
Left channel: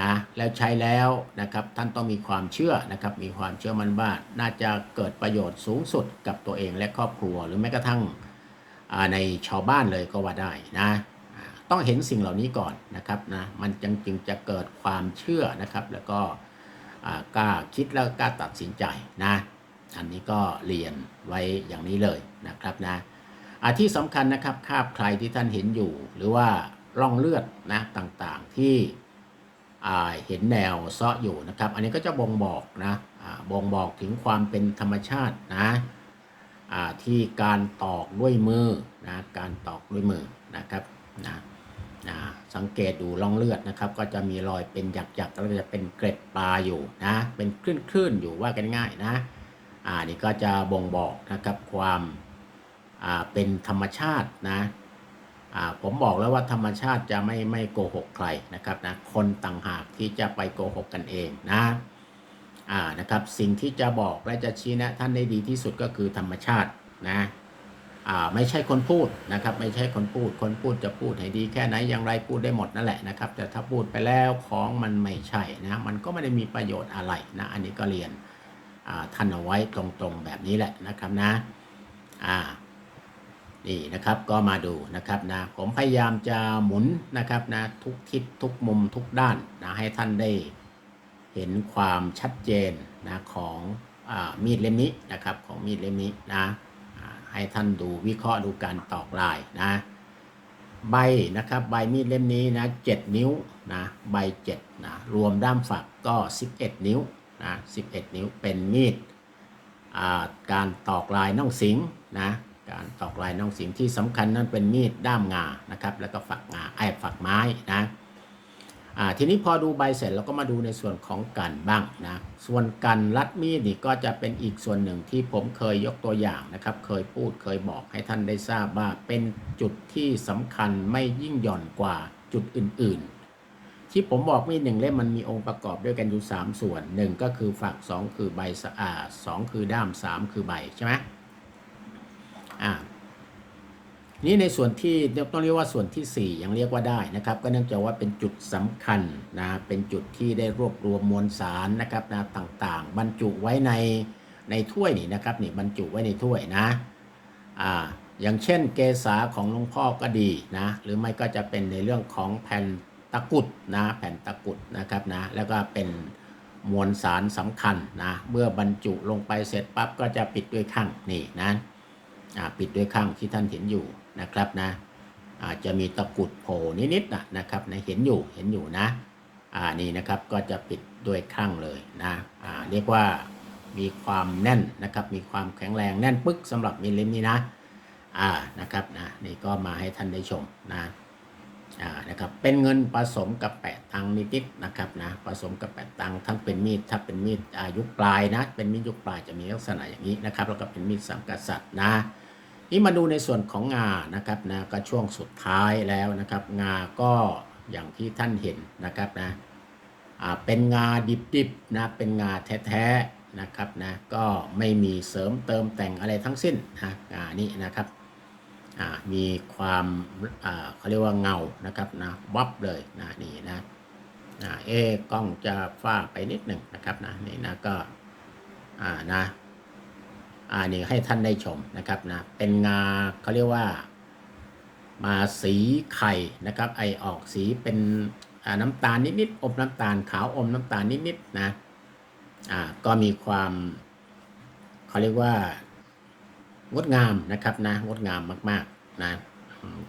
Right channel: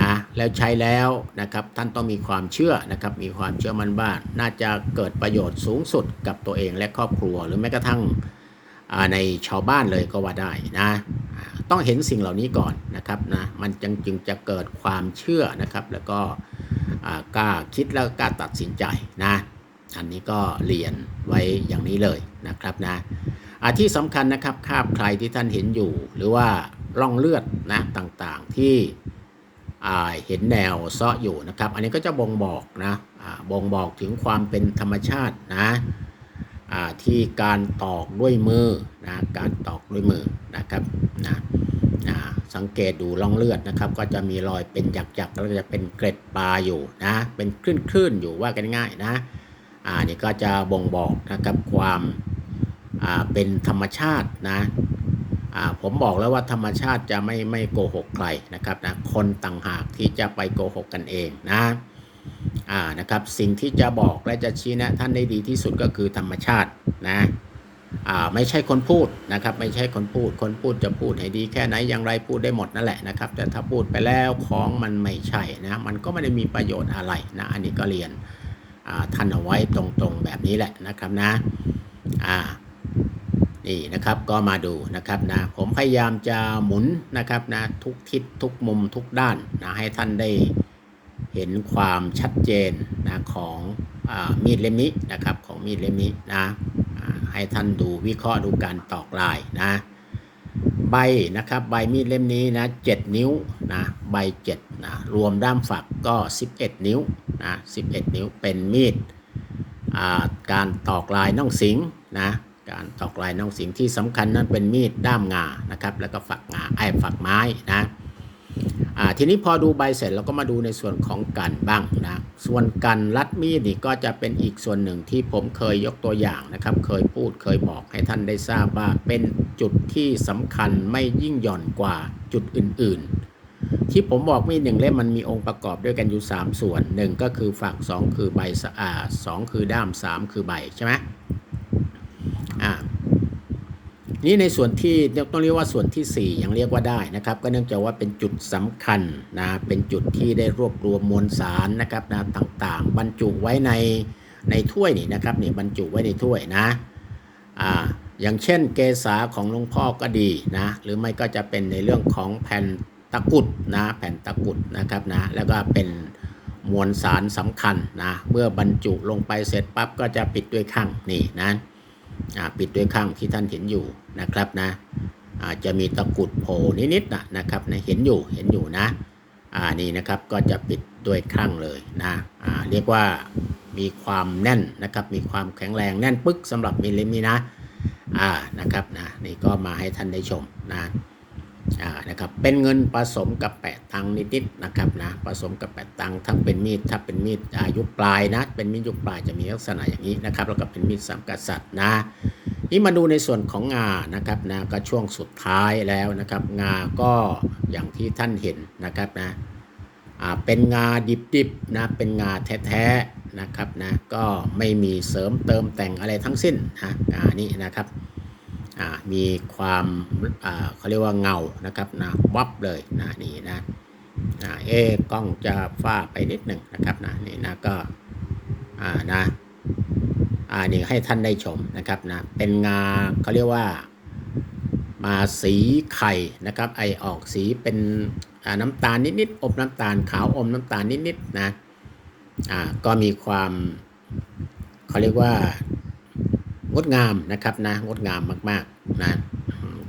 นะแล้วใช้แล้วนะครับท่านต้องมีความเชื่อนะครับมีความเชื่อมั่นว่าน่าจะเกิดประโยชน์สูงสุดกับตัวเองและครอบครัว หรือแม้กระทั่งในชาวบ้านเลยก็ว่าได้นะต้องเห็นสิ่งเหล่านี้ก่อนนะครับนะมันจึงจึงจะเกิดความเชื่อนะครับแล้วก็กล้าคิดแล้วกล้าตัดสินใจนะ อันนี้ก็เรียนไว้อย่างนี้เลยนะครับนะอาที่สำคัญนะครับคราบใครที่ท่านเห็นอยู่ หรือว่าร่องเลือดนะต่างๆที่เห็นแนวเซาะอยู่นะครับ อันนี้ก็จะบ่งบอกนะบ่งบอกถึงความเป็นธรรมชาตินะที่การตอกด้วยมือนะการตอกด้วยมือนะครับนะนะสังเกตดูร่องเลือดนะครับ ก็จะมีรอยเป็นหยักๆแล้วจะเป็นเกล็ดปลาอยู่นะเป็นคลื่นๆอยู่ว่ากันง่ายนะ อ่านี่ก็จะบ่งบอกนะครับความอ่าเป็นธรรมชาตินะอ่าผมบอกแล้วว่าธรรมชาติจะไม่ไม่โกหกใครนะครับนะคนต่างหากที่จะไปโกหกกันเองนะอ่านะครับสิ่งที่จะบอกและจะชี้แนะท่านได้ดีที่สุดก็คือธรรมชาตินะอ่าไม่ใช่คนพูดนะครับ ไม่ใช่คนพูด คนพูดจะพูดให้ดีแค่ไหนอย่างไรพูดได้หมดนั่นแหละนะครับ แต่ถ้าพูดไปแล้วของมันไม่ใช่นะมันก็ไม่ได้มีประโยชน์อะไรนะอันนี้ก็เรียนอ่ ท่านเอาไว้ตรงๆแบบนี้แหละนะครับนะอ่านี่นะครับก็มาดูนะครับนะผมพยายามจะหมุนนะครับนะทุกทิศทุกมุมทุกด้านนะให้ท่านได้เห็นความชัดเจนนะของอมีดเล่มนี้นะครับของมีดเล่มนี้นะให้ท่านดูวิเคราะห์ดูการตอกลายนะใบนะครับใบมีดเล่มนี้นะ7นิ้วนะใบ7นะรวมด้ามฝักก็ 11 นิ้ว นะ11 นิ้วเป็นมีดการตอกลายน่องสิงนะการตอกลายน้องสิงที่สำคัญนั้นเป็นมีดด้ามงานะครับแล้วก็ฝักงาไอ้ฝักไม้นะทีนี้พอดูใบเสร็จเราก็มาดูในส่วนของกันบ้างนะส่วนกันรัดมีดนี่ก็จะเป็นอีกส่วนหนึ่งที่ผมเคยยกตัวอย่างนะครับ เคยพูดเคยบอกให้ท่านได้ทราบว่าเป็นจุดที่สำคัญไม่ยิ่งหย่อนกว่าจุดอื่นๆ ที่ผมบอกมีดหนึ่งเล่มมันมีองค์ประกอบด้วยกันอยู่ 3 ส่วนหนึ่งก็คือฝัก 2 คือใบสะอาดสองคือด้าม 3 คือใบใช่ไหมอ่านี่ในส่วนที่ต้องเรียกว่าส่วนที่ 4 ยังเรียกว่าได้นะครับ ก็เนื่องจากว่าเป็นจุดสำคัญนะเป็นจุดที่ได้รวบรวมมวลสารนะครับนะต่างๆ บรรจุไว้ในในถ้วยนี่นะครับนี่บรรจุไว้ในถ้วยนะอ่าอย่างเช่นเกษาของหลวงพ่อก็ดีนะหรือไม่ก็จะเป็นในเรื่องของแผ่น ตะกุดนะแผ่นตะกุดนะครับนะแล้วก็เป็นมวลสารสำคัญนะเมื่อบรรจุลงไปเสร็จปั๊บก็จะปิดด้วยข้างนี่นะปิดด้วยข้างที่ท่านเห็นอยู่นะครับนะจะมีตะกุดโผล่นิดๆนะนะครับนะเห็นอยู่เห็นอยู่นะอ่านี่นะครับก็จะปิดด้วยข้างเลยนะอ่าเรียกว่ามีความแน่นนะครับมีความแข็งแรงแน่นปึ๊กสำหรับมิลลิมนี้นะอ่านะครับนะนี่ก็มาให้ท่านได้ชมนะ อ่านะครับเป็นเงินผสมกับแปะตังค์นิดๆนะครับนะผสมกับแปะตังค์ทั้งเป็นมีดถ้าเป็นมีดอายุปลายนะเป็นมีดยุคปลายจะมีลักษณะอย่างนี้นะครับแล้วก็เป็นมีดสังกษัตริย์นะนี่มาดูในส่วนของงานะครับนะก็ช่วงสุดท้ายแล้วนะครับงาก็อย่างที่ท่านเห็นนะครับนะอ่าเป็นงาดิบๆนะเป็นงาแท้ๆนะครับนะก็ไม่มีเสริมเติมแต่งอะไรทั้งสิ้นนะอ่านี่นะครับ มีความเขาเรียกว่าเงานะครับนะวับเลยนะนี่นะเอ๊กล้องจะฟ้าไปนิดหนึ่งนะครับนะนี่นะก็นะอ่านี่ให้ท่านได้ชมนะครับนะเป็นงาเขาเรียกว่ามาสีไข่นะครับ ไอออกสีเป็นน้ำตาลนิดๆอมน้ำตาลขาวอมน้ำตาลนิดๆนะอ่าก็มีความเขาเรียกว่า งดงามนะครับนะงดงามมากๆนะ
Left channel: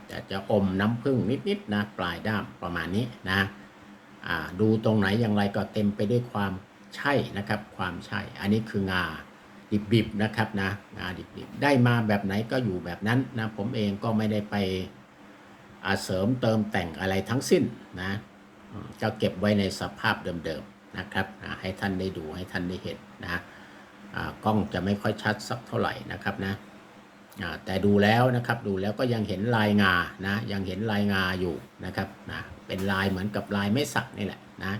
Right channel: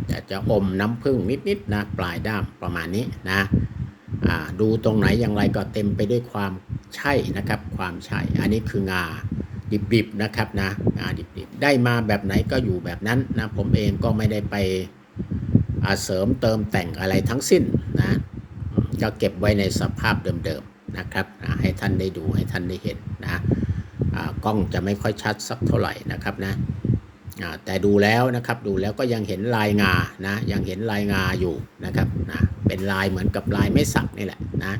จะจะอมน้ำผึ้งนิดๆนะปลายด้ามประมาณนี้นะดูตรงไหนอย่างไรก็เต็มไปด้วยความใช่นะครับ ความใช่ อันนี้คืองาดิบๆนะครับนะงาดิบๆ ได้มาแบบไหนก็อยู่แบบนั้นนะผมเองก็ไม่ได้ไปเสริมเติมแต่งอะไรทั้งสิ้นนะก็เก็บไว้ในสภาพเดิมๆนะครับนะให้ท่านได้ดูให้ท่านได้เห็นนะ กล้องจะไม่ค่อยชัดสักเท่าไหร่นะครับนะแต่ดูแล้วนะครับดูแล้วก็ยังเห็นลายงานะยังเห็นลายงาอยู่นะครับนะเป็นลายเหมือนกับลายไม่สักนี่แหละนะ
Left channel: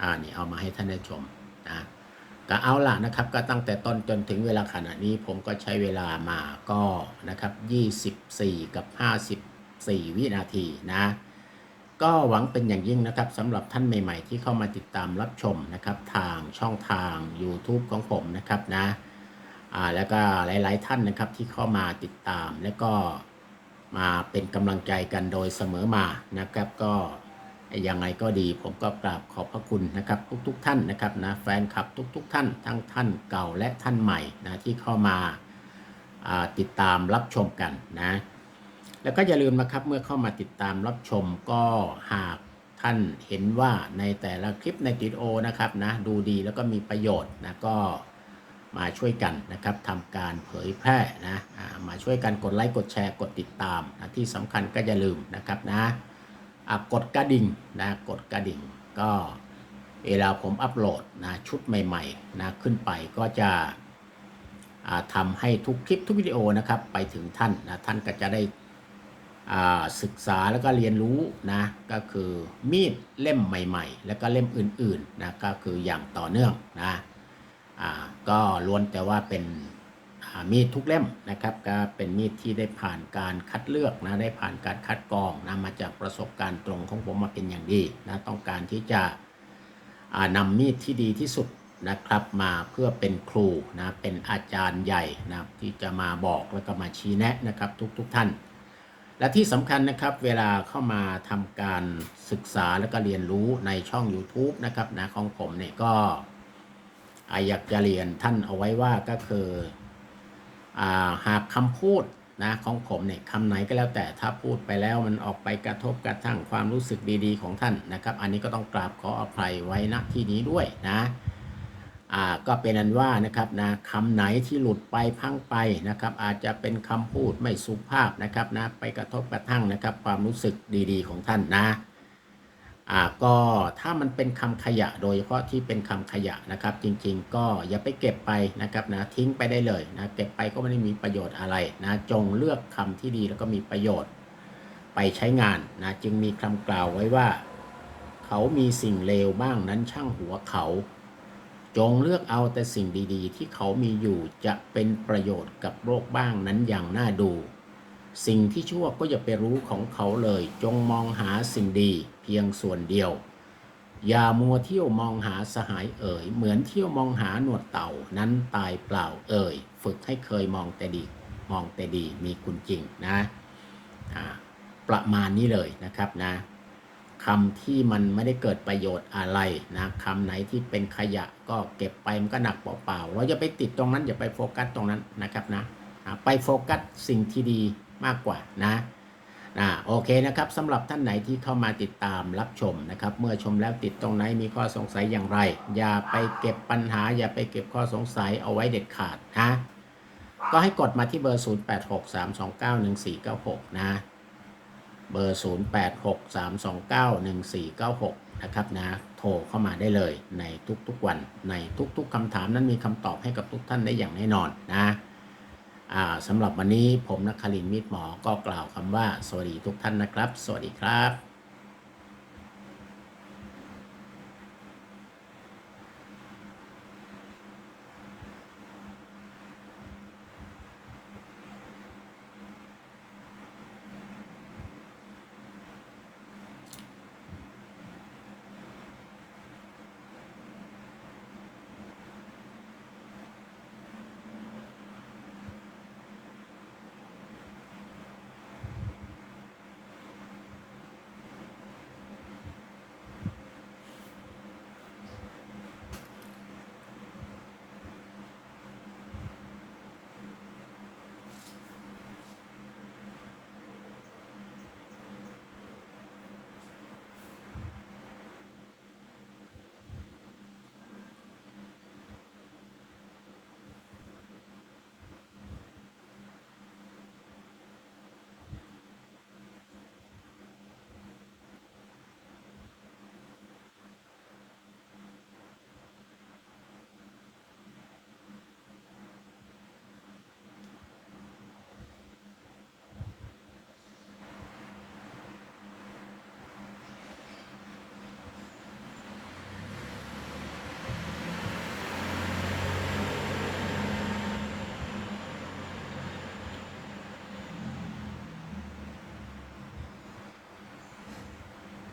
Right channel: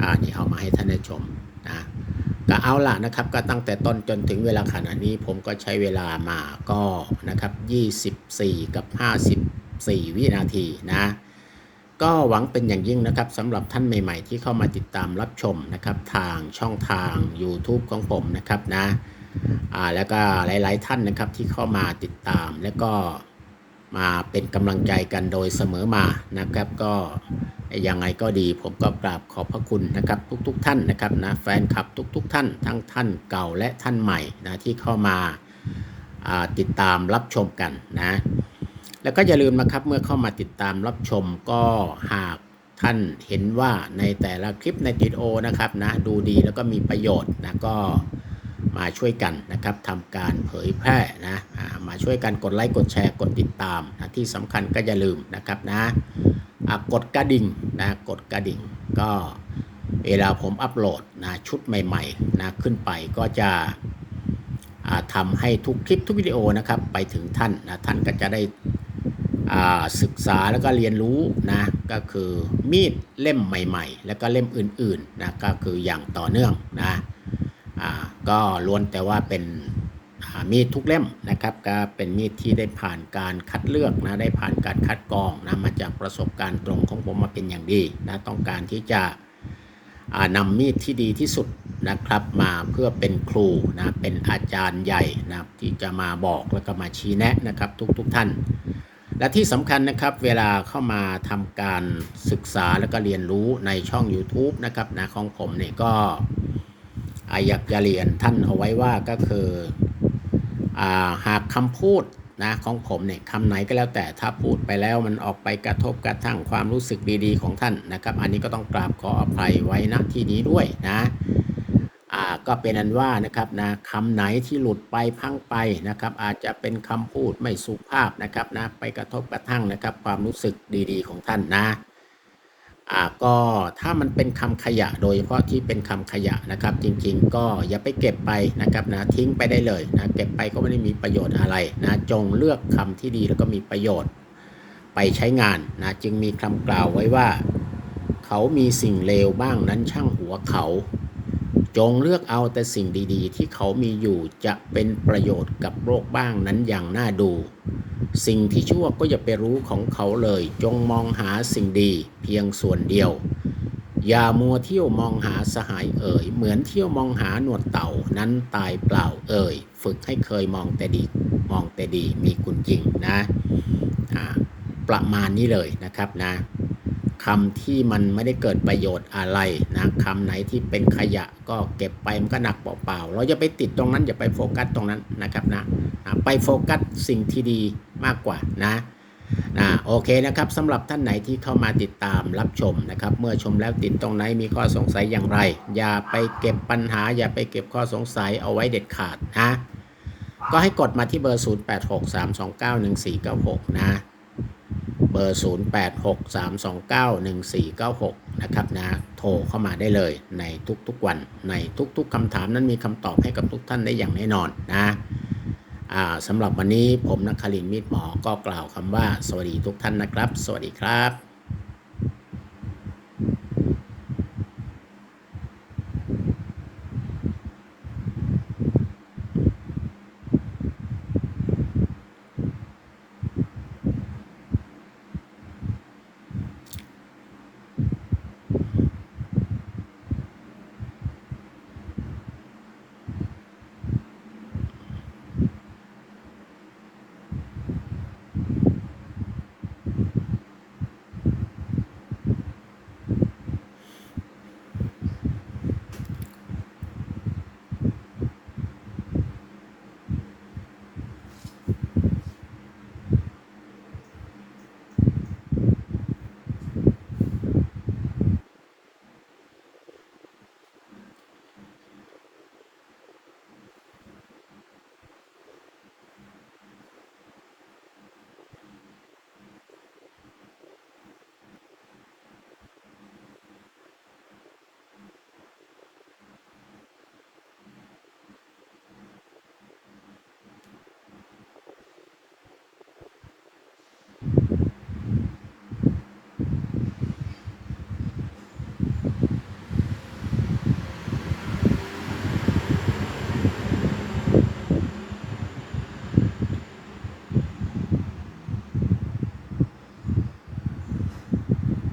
อ่านี่เอามาให้ท่านได้ชมนะก็เอาล่ะนะครับก็ตั้งแต่ต้นจนถึงเวลาขณะนี้ผมก็ใช้เวลามาก็นะครับ 24 กับ 54 วินาทีนะ ก็หวังเป็นอย่างยิ่งนะครับสำหรับท่านใหม่ๆ ที่เข้ามาติดตามรับชมนะครับทางช่องทาง YouTube ของผมนะครับนะอ่าแล้วก็หลายๆท่านนะครับที่เข้ามาติดตาม แล้วก็มาเป็นกำลังใจกันโดยเสมอมานะครับ ก็ยังไงก็ดีผมก็กราบขอบพระคุณนะครับ ทุกๆท่านนะครับนะแฟนคลับทุกๆท่านทั้งท่านเก่าและท่านใหม่นะที่เข้ามาอ่าติดตามรับชมกันนะ แล้วก็อย่าลืมนะครับเมื่อเข้ามาติดตามรับชมก็หากท่านเห็นว่าในแต่ละคลิปในติดโอนะครับนะดูดีแล้วก็มีประโยชน์นะก็มาช่วยกันนะครับทำการเผยแพร่นะมาช่วยกันกดไลค์กดแชร์กดติดตามนะที่สำคัญก็อย่าลืมนะครับนะกดกระดิ่งนะกดกระดิ่ง ก็เวลาผมอัปโหลดนะชุดใหม่ๆนะขึ้นไปก็จะทำให้ทุกคลิปทุกวิดีโอนะครับไปถึงท่านนะท่านก็จะได้ ศึกษาแล้วก็เรียนรู้นะก็คือมีดเล่มใหม่ๆ แล้วก็เล่มอื่นๆนะก็คืออย่างต่อเนื่องนะก็ล้วนแต่ว่าเป็นมีดทุกเล่มนะครับก็เป็นมีดที่ได้ผ่านการคัดเลือกนะได้ผ่านการคัดกรองนะมาจากประสบการณ์ตรงของผมมาเป็นอย่างดีนะต้องการที่จะนำมีดที่ดีที่สุดนะครับมาเพื่อเป็นครูนะเป็นอาจารย์ใหญ่นะที่จะมาบอกแล้วก็มาชี้แนะนะครับทุกๆทท่าน และที่สำคัญนะครับเวลาเข้ามาทำการศึกษาแล้วก็เรียนรู้ในช่อง YouTube นะครับนะของผมเนี่ยก็อ่าอยากจะเรียนท่านเอาไว้ว่าก็คืออาหากคำพูดนะของผมเนี่ยคำไหนก็แล้วแต่ถ้าพูดไปแล้วมันออกไปกระทบกระทั่งความรู้สึกดีๆของท่านนะครับ อันนี้ก็ต้องกราบขออภัยไว้ณที่นี้ด้วยนะ อ่าก็เป็นอันว่านะครับนะคำไหนที่หลุดไปพังไปนะครับ อาจจะเป็นคำพูดไม่สุภาพนะครับนะไปกระทบกระทั่งนะครับ ความรู้สึกดีๆ ของท่านนะอ่าก็ถ้ามันเป็นคำขยะโดยเฉพาะที่เป็นคำขยะนะครับ จริงๆ ก็อย่าไปเก็บไปนะครับนะทิ้งไปได้เลยนะเก็บไปก็ไม่ได้มีประโยชน์อะไรนะจงเลือกคำที่ดีแล้วก็มีประโยชน์ไปใช้งานนะจึงมีคำกล่าวไว้ว่า เขามีสิ่งเลวบ้างนั้นช่างหัวเขา จงเลือกเอาแต่สิ่งดีๆ ที่เขามีอยู่จะเป็นประโยชน์กับโลกบ้างนั้นอย่างน่าดู สิ่งที่ชั่วก็อย่าไปรู้ของเขาเลย จงมองหาสิ่งดีเพียงส่วนเดียว อย่ามัวเที่ยวมองหาสหายเอ่ย เหมือนเที่ยวมองหาหนวดเต่านั้นตายเปล่าเอ่ย ฝึกให้เคยมองแต่ดี มองแต่ดีมีคุณจริงนะ ประมาณนี้เลยนะครับนะ คำที่มันไม่ได้เกิดประโยชน์อะไรนะคำไหนที่เป็นขยะก็เก็บไปมันก็หนักเปล่าๆ เราจะไปติดตรงนั้นอย่าไปโฟกัสตรงนั้นนะครับนะไปโฟกัสสิ่งที่ดีมากกว่านะนะโอเคนะครับสำหรับท่านไหนที่เข้ามาติดตามรับชมนะครับ เมื่อชมแล้วติดตรงไหนมีข้อสงสัยอย่างไร อย่าไปเก็บปัญหา อย่าไปเก็บข้อสงสัยเอาไว้เด็ดขาดนะก็ให้กดมาที่เบอร์ 0863291496 นะ เบอร์ 0863291496 นะครับนะ โทรเข้ามาได้เลยในทุกๆวัน ในทุกๆคำถามนั้นมีคำตอบให้กับทุกท่านได้อย่างแน่นอนนะสำหรับวันนี้ผมนักคารินมิตรหมอก็กล่าวคำว่า สวัสดีทุกท่านนะครับ สวัสดีครับ